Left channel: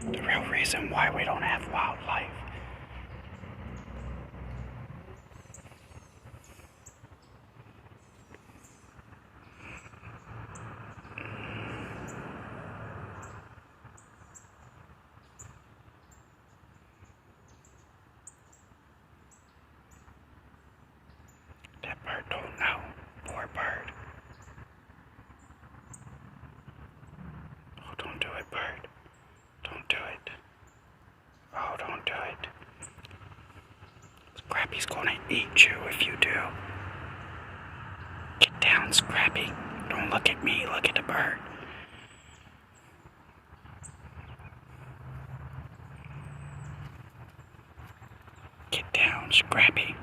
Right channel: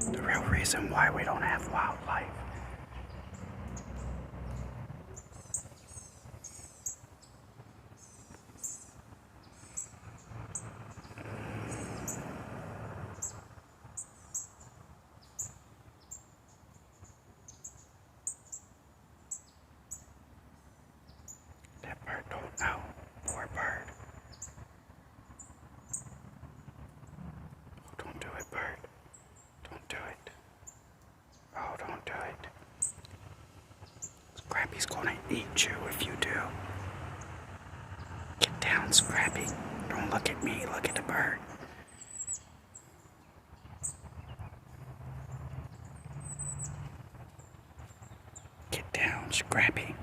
The real reason why we don't have wildlife. That bird don't know. Poor bird. Oh, don't do it, bird. Don't do it. Oh, don't do it. Scrappy's gonna eat you if you do. Get down, Scrappy. Don't look at me, look at the bird. Get down, Scrappy.